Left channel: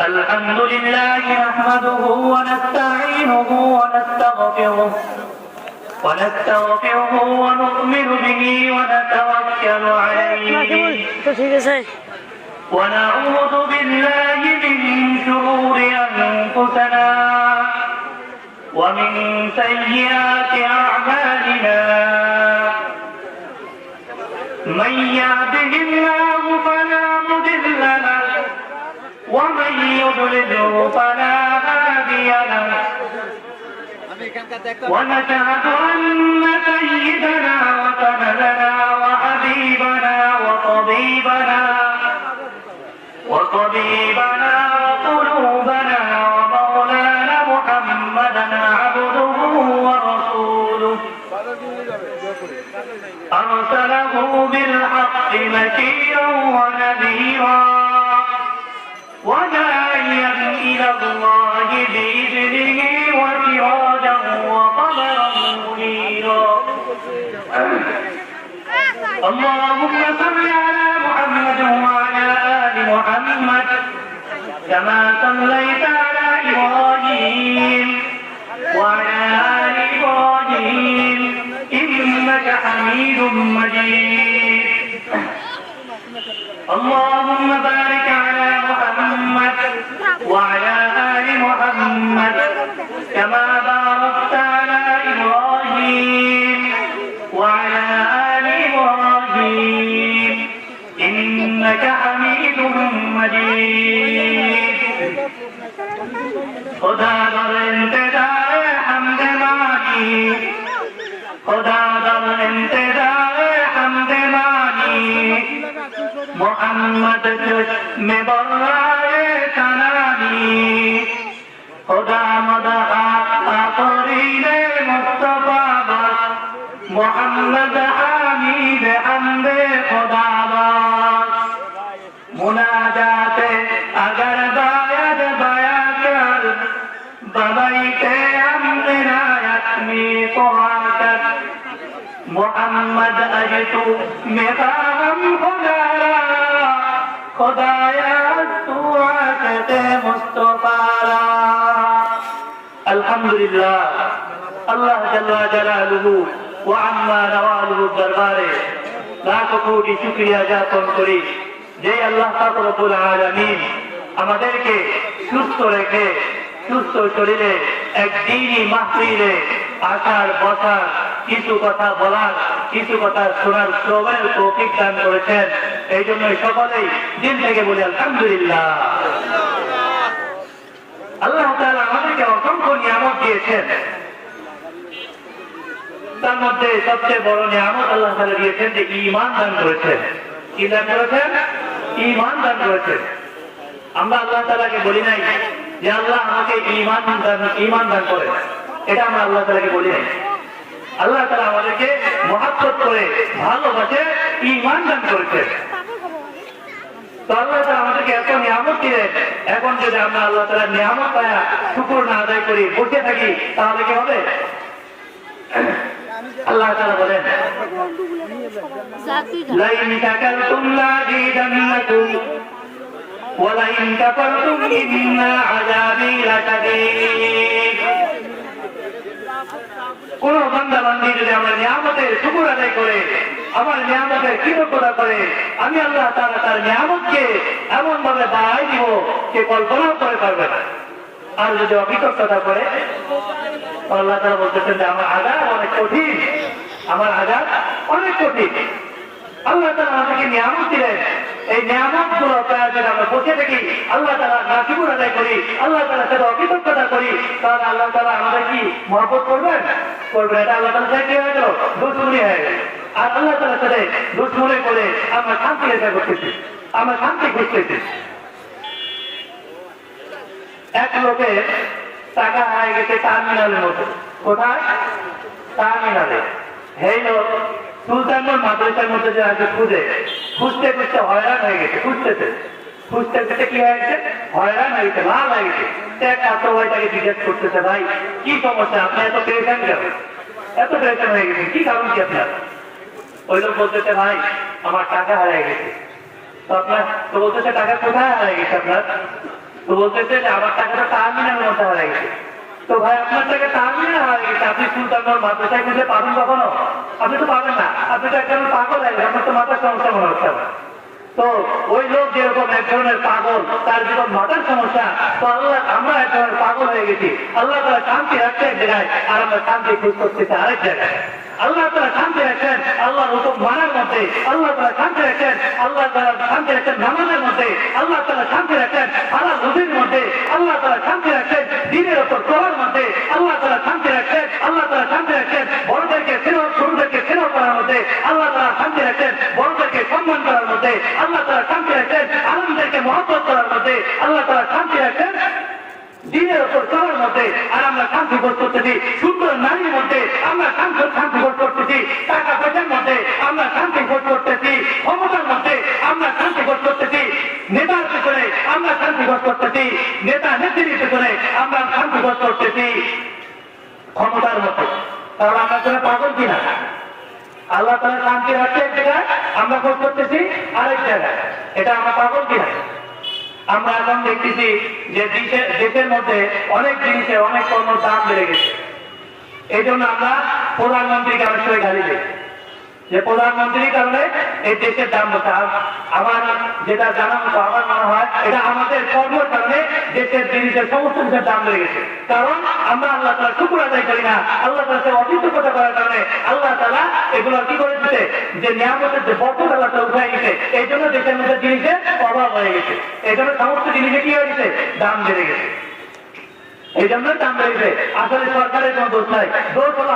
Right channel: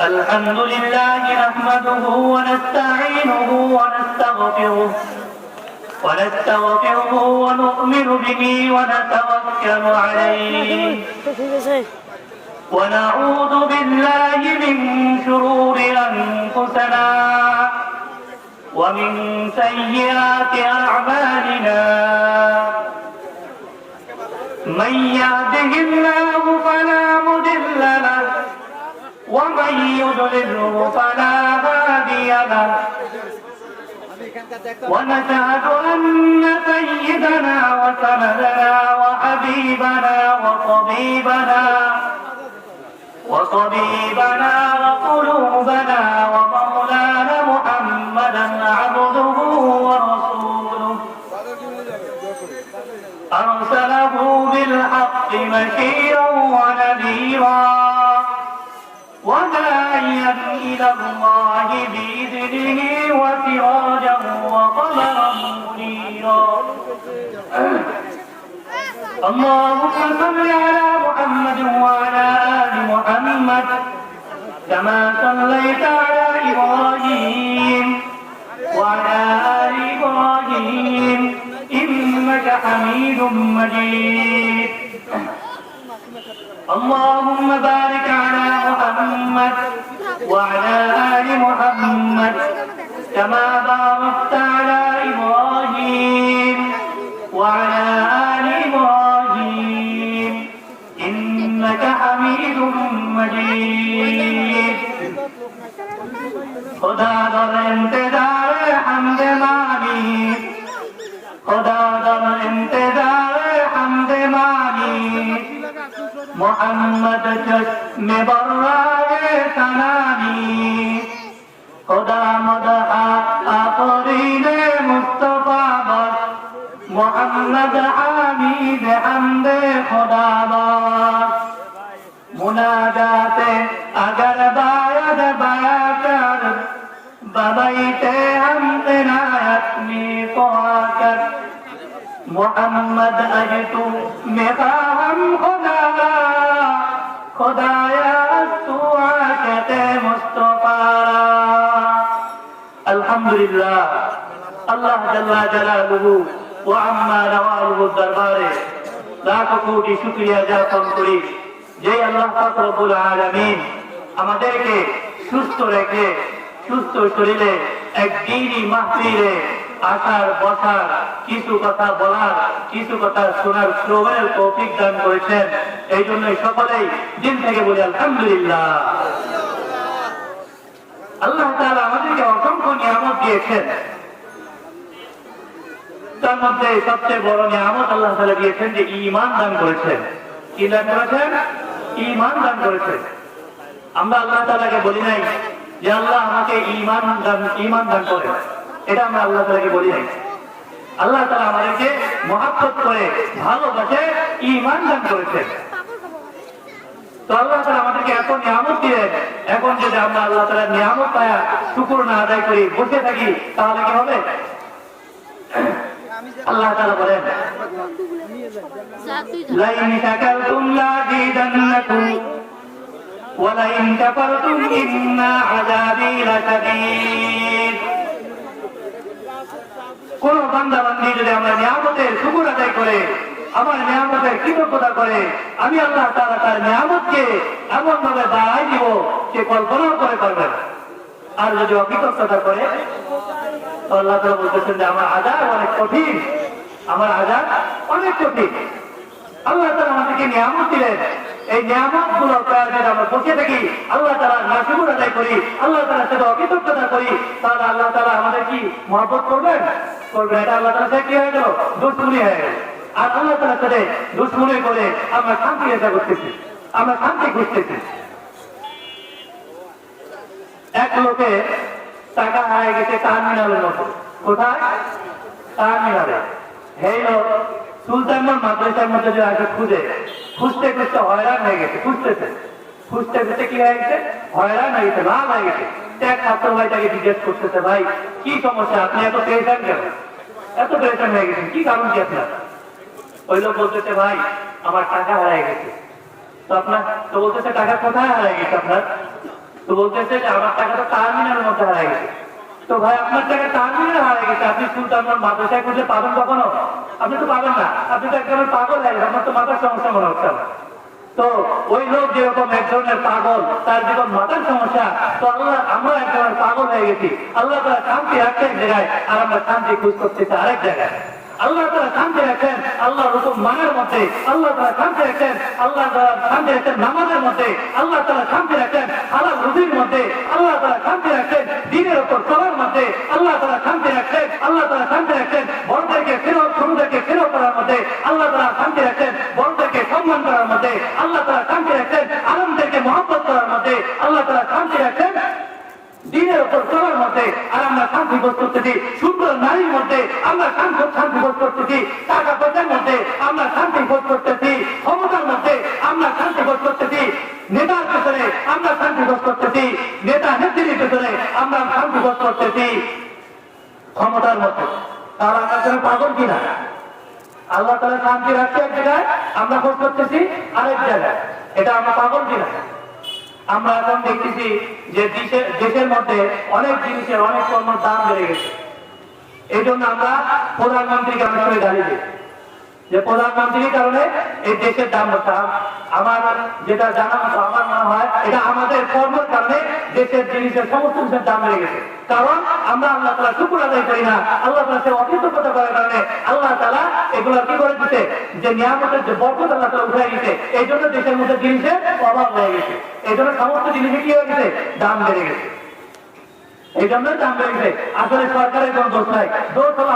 الحمد لله نحمده ونستعينه ونستغفره ونؤمن به ونتوكل عليه ونعوذ بالله من شرور أنفسنا ومن سيئات أعمالنا من يهده الله فلا مضل له ومن يضلله فلا هادي له ونشهد أن سيدنا وسندنا وحبيبنا وطبيبنا وقلوبنا ومولانا محمدا عبده ورسوله أرسله بالحق بشيرا ونذيرا وداعيا إلى الله بإذنه وسراجا وقمرا منيرا اللهم صل على محمد وعلى آل محمد كما صليت على إبراهيم وعلى آل إبراهيم إنك حميد مجيد اللهم بارك على محمد وعلى آل محمد كما باركت على إبراهيم وعلى آل إبراهيم إنك حميد مجيد خدا در انتظار حمد مانی خدا در انتظار حمد مانی محمد چشم برائے کنانی خدا مدح آفرین مصطفیٰ بس محمد حمید حمد خدا بس مناجات اگر باید بیا کر ببیت ہم عنایت میں پہا کر محمد اجتو مقام خدایا تو عاشق مصطفیٰ الحمدللہ اللہ جل جلالہ وعما نوالہ দরবারে লাখ কোটি শুকরিয়া জ্ঞাপন করি যে আল্লাহ পাক রব্বুল আলামিন আমাদেরকে সুস্থ রেখে সুস্থ শরীরে এক দ্বীনি মাহফিলে আসার বসার কিছু কথা বলার কিছু কথা শোনার শ্রবণের তৌফিক দান করেছেন এই জন্য সকলেই দিল থেকে বলি আলহামদুলিল্লাহ আল্লাহ তাআলা আমাদেরকে অসংখ্য নিয়ামত দিয়েছেন তার মধ্যে সবচেয়ে বড় নিয়ামত আল্লাহ তাআলা দিয়েছেন যে ঈমান দান করেছেন কি দান করেছেন ঈমান দান করেছেন আমরা আল্লাহ তাআলাকে বলি নাই যে আল্লাহ আমাকে ঈমান দান করেন এটা আমরা আল্লাহ তাআলাকে বলি নাই আল্লাহ তাআলা আমাদেরকে মহব্বত করে ভালোবাসে ঈমান দান করেছেন তো আল্লাহ তাআলা আমাদেরকে এত নিয়ামত দিলেন এখন যদি আমরা আল্লাহ তাআলার নিয়ামত পায়া শুকর না আদায় করি বসে থাকি তাহলে কি হবে আল্লাহ তাআলা বলেন লাইন শাকারতুম লাযিদান্নাকুম ওয়া লাইন কাফারতুম ইন্না আযাবি লাশাদীদ কোন বান্দা বান্দী যদি আমরা নিয়ামতের শুকর আদায় করে আমার নিয়ামতের কৃতজ্ঞতা করে আমি আল্লাহ তাআলা তার নিয়ামতকে এমন ভাবে বাড়াই দিব যে কল্পনাও করে পারবে না আর যদি অকৃতজ্ঞতা করে আল্লাহ তাআলা বলতেছেন যে আমার আযাব অনেক কঠিন আমার আযাব অনেক কঠিন আল্লাহ তাআলা আমাদেরকে নিয়ামত দিলেন এই নিয়ামত গুলো প্রয়োজন আমরা বসে থাকি আল্লাহ তাআলা নাশুকর আদায় করি আল্লাহ তাআলার সাথে অকৃতজ্ঞতা করি তাহলে আল্লাহ তাআলা আমাদের কি মহব্বত করবেন করবেন এটা আল্লাহ তাআলার সাথে কি হয়ে গেল দুশ্মনী হয়ে গেল আর আল্লাহ তাআলার সাথে দুশ্মনী করে আমরা শান্তি রেখা করতেছি আমরা শান্তি খুঁজতেছি এক লোকের টাকা হারিয়ে গেছে টার্মিনালের মতো কোথায় টার্মিনালে এই লোক সুলতানগঞ্জ মাদ্রাসার মধ্যে যে আছে খুঁজতে খুঁজতে হয়রান হয়ে গেছে খুঁজতে কি হয়ে গেছে হয়রান হয়ে গেছে লাভ হয়ে গেছে এক ছাত্র ভাই তাকে জিজ্ঞেস করতেছে ভাই কি সমস্যা আপনি এত পেরেছেন কেন এত পেরেছেন হয়ে গেছেন কি কারণ কি আপনার ওই লোক বলতেছে ভাই আমার টাকা হারিয়ে গেছে তো আপনার তো বলতেছে টাকা কোথায় হারিয়ে গেছে আপনার তো বলতেছে যে আমার টাকাটা টার্মিনালের মধ্যে হারিয়ে গেছে। তো ভাই আপনার টাকা টার্মিনাল হারিয়ে গেছে, আপনি সুলতান মাদ্রাসায় খুঁজে পাবেন কখনো? আপনি তো পাবেন না, আপনি তো একদম পাগল হয়ে গেছেন, আপনার তো মাথার সমস্যা মনে হচ্ছে আমার। তো ওই লোক যেরকম এক ধরনের পাগল, তার জীবন মাথার সমস্যা, তো আল্লাহ আমরা এক ধরনের পাগল হয়ে গেছি। আল্লাহ তারা শান্তি রাখছে এক জায়গায়, আর আমরা শান্তি খুঁজ করতেছি আরেক জায়গায়। আল্লাহ তারা শান্তি রাখছেন আল্লাহর হুকুম মানার মধ্যে, আল্লাহ তারা শান্তি রাখছেন আল্লাহ তারা শান্তি রাখছেন নামাজের মধ্যে, আল্লাহ তারা শান্তি রাখছেন হালাল রুজির মধ্যে, আল্লাহ তারা শান্তি রাখছেন দিনের উপর চলার মধ্যে, আল্লাহ তারা শান্তি রাখছেন, আল্লাহ তারা শান্তি রাখছেন বড়দেরকে স্নেহ ছোটদেরকে স্নেহ করার মধ্যে, আল্লাহ তারা শান্তি রাখছেন বড়দেরকে সম্মান করার মধ্যে, আল্লাহ তারা শান্তি রাখছেন আলমদেরকে মহব্বত করার মধ্যে, আল্লাহ তারা শান্তি রাখছেন দিনের উপর চলার মধ্যে। আর আমরা শান্তি বোধ করতেছি সুন্দর নারীর মধ্যে, আমরা শান্তি বোধ করতেছি টাকা পয়সার মধ্যে, আমরা শান্তি বোধ করতেছি ক্ষমতার মধ্যে, আমরা শান্তি বোধ করতেছি নেতার পেছনে, আমরা শান্তি বোধ করতেছি নেতা নেত্রীর পেছনে, আমরা শান্তি বোধ করতেছি ক্ষমতার মধ্যে। কারণ আমরা তারা পাগল কিনা? আল্লাহ তারা শান্তি রাখছে এক জায়গায়, আমরা খোঁজ করতেছি আরেক জায়গায়, এটা আমরা পাগল কিনা? আমরা এখন দেখতেছি যে দেশের মধ্যে অনেক জিনিসের অনেক পণ্যের দাম বেড়ে গেছে। এই জন্য আমরা প্রধানমন্ত্রীকে অনেক সময় গালি দিই যে প্রধানমন্ত্রীর কারণে এই দেশের দাম হচ্ছে। আমার যেটা জানা মতো আমার মনে হয় এটা আমাদের কর্মের কারণে দেশের জিনিসের সমস্ত কিছুর দাম বেড়ে গেছে। কারণ আমরা আল্লাহ তাআলা শুকর আদায় করি না, আল্লাহ তাআলা অকৃতজ্ঞতা করার কারণে আল্লাহ তাআলা এগুলো কি করে দিতে, যে নিয়ামতের যে বরকত আল্লাহ তাআলা উঠাই দিতে, এই জন্য দেশের মধ্যে জিনিসের অভাব হয়ে গেছে। এই জন্য সমস্ত জিনিসে কি হয়ে গেছে, দাম বেড়ে গেছে। এই জন্যই দাম বেড়ে গেছে। আসলে সরকারের কোনো দোষ নাই, দোষ হলো